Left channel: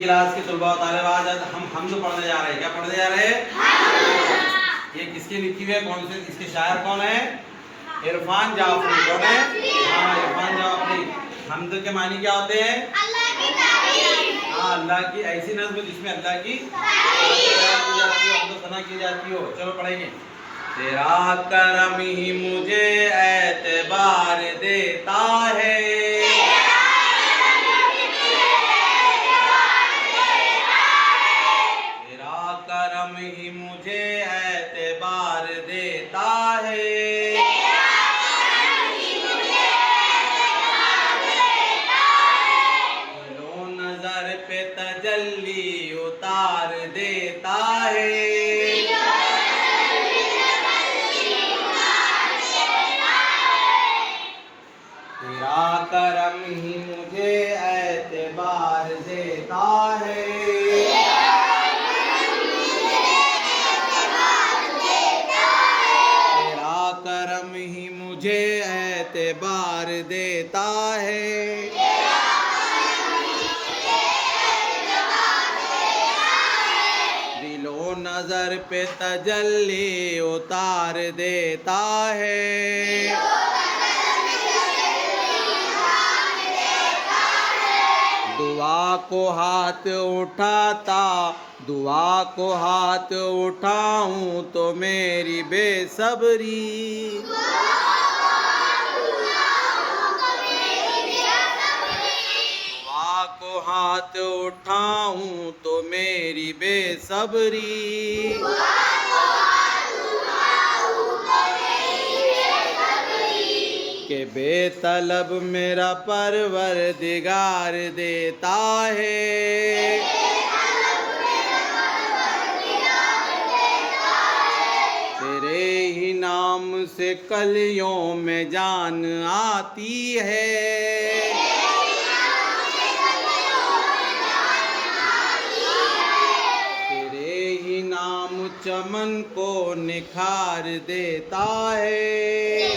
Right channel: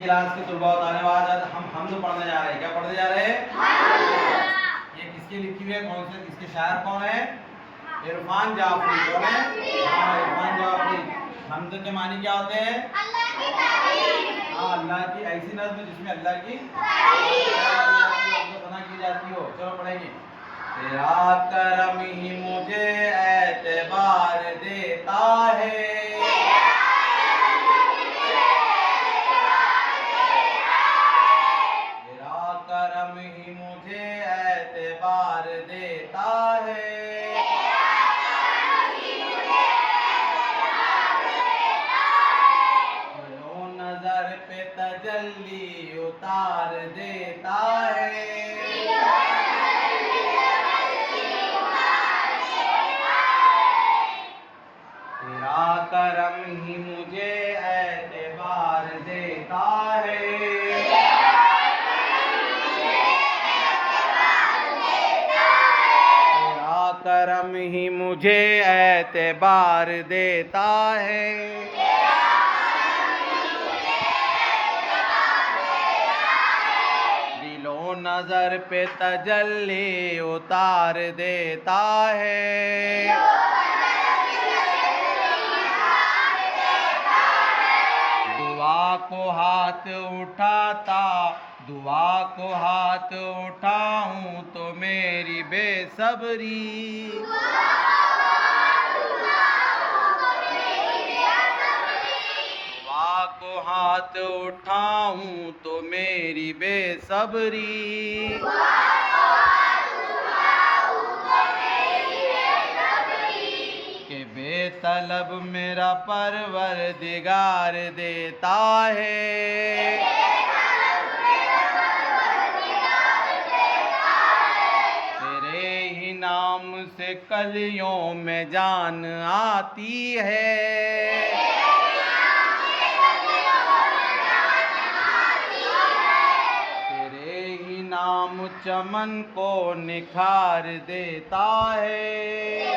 Class के तलबा तालिब आज हम तो पढ़ने जा रहे हैं। क्या पढ़ने जा रहे हैं? ये किसके लिखी हुई है? कौन से इसके शायर कौन है? इरफान जाफरी। कौन है? हाँ, इरफान जाफरी। हमद के मानी क्या होते हैं? अल्लाह की तारीफ। हाँ, अल्लाह की ऐसी नज़्म जिसमें अल्लाह की सना की जाती हो। चलो पढ़ेंगे। तेरा करम ही मुझे एतबार देता है, करम ही मुझे एतबार देता है। लो नजर पे तजल्ली उतार देता है। तेरा करम ही मुझे एतबार देता है। करम ही मुझे एतबार देता है। दिलो नजर पे तजल्ली उतार देता है। दुआ को हाथ उठाता, दुआ को हाथ उठाऊं तो मेरी बेसब्री, दुआ को हाथ उठाऊं तो मेरी बेसब्री, के बेतलब मेरा परवरदिगार देता है। तेरे ही नाम से कलियों में जान आती है। तेरे ही नाम चमन को निखार देता है।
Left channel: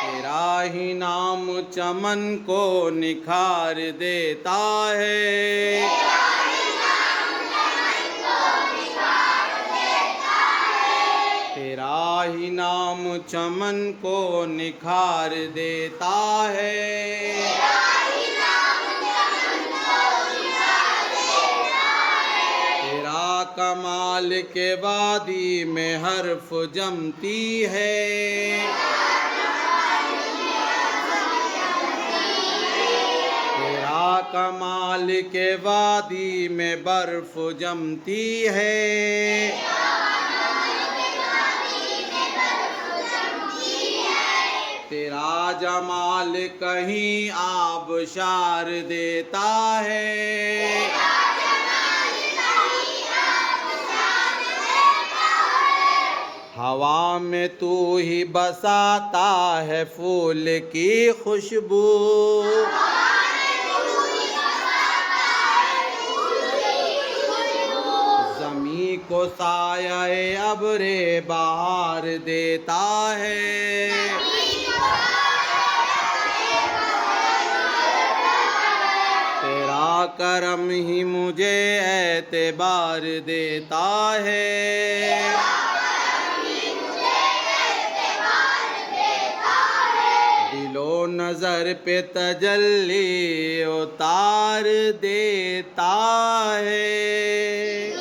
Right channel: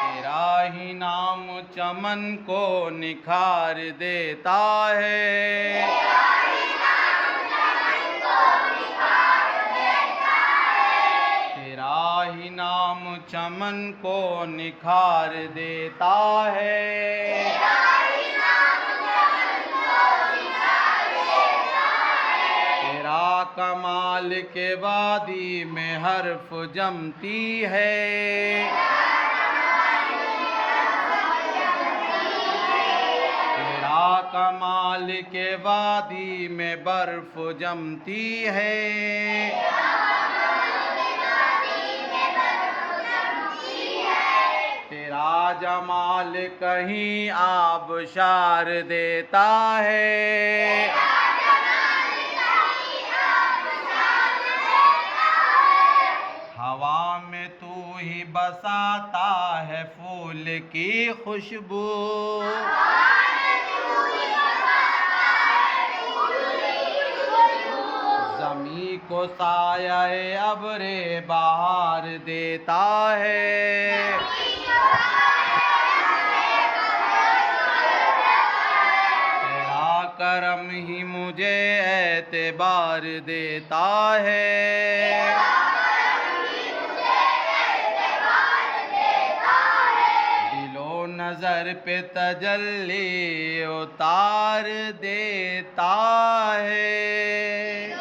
तेरा ही नाम चमन को निखार देता है। तेरा ही नाम चमन को निखार देता है। तेरा कमाल के वादी में हर्फ जमती है। तेरा कमाल के वादी में बर्फ जमती है। तेरा जमाल कहीं आबशार देता है। हवा में तू ही बसाता है फूल की खुशबू, ज़मीं को साये अब्रे बहार देता है। तेरा करम ही मुझे एतबार देता है। दिलो नजर पे तजल्ली उतार देता है।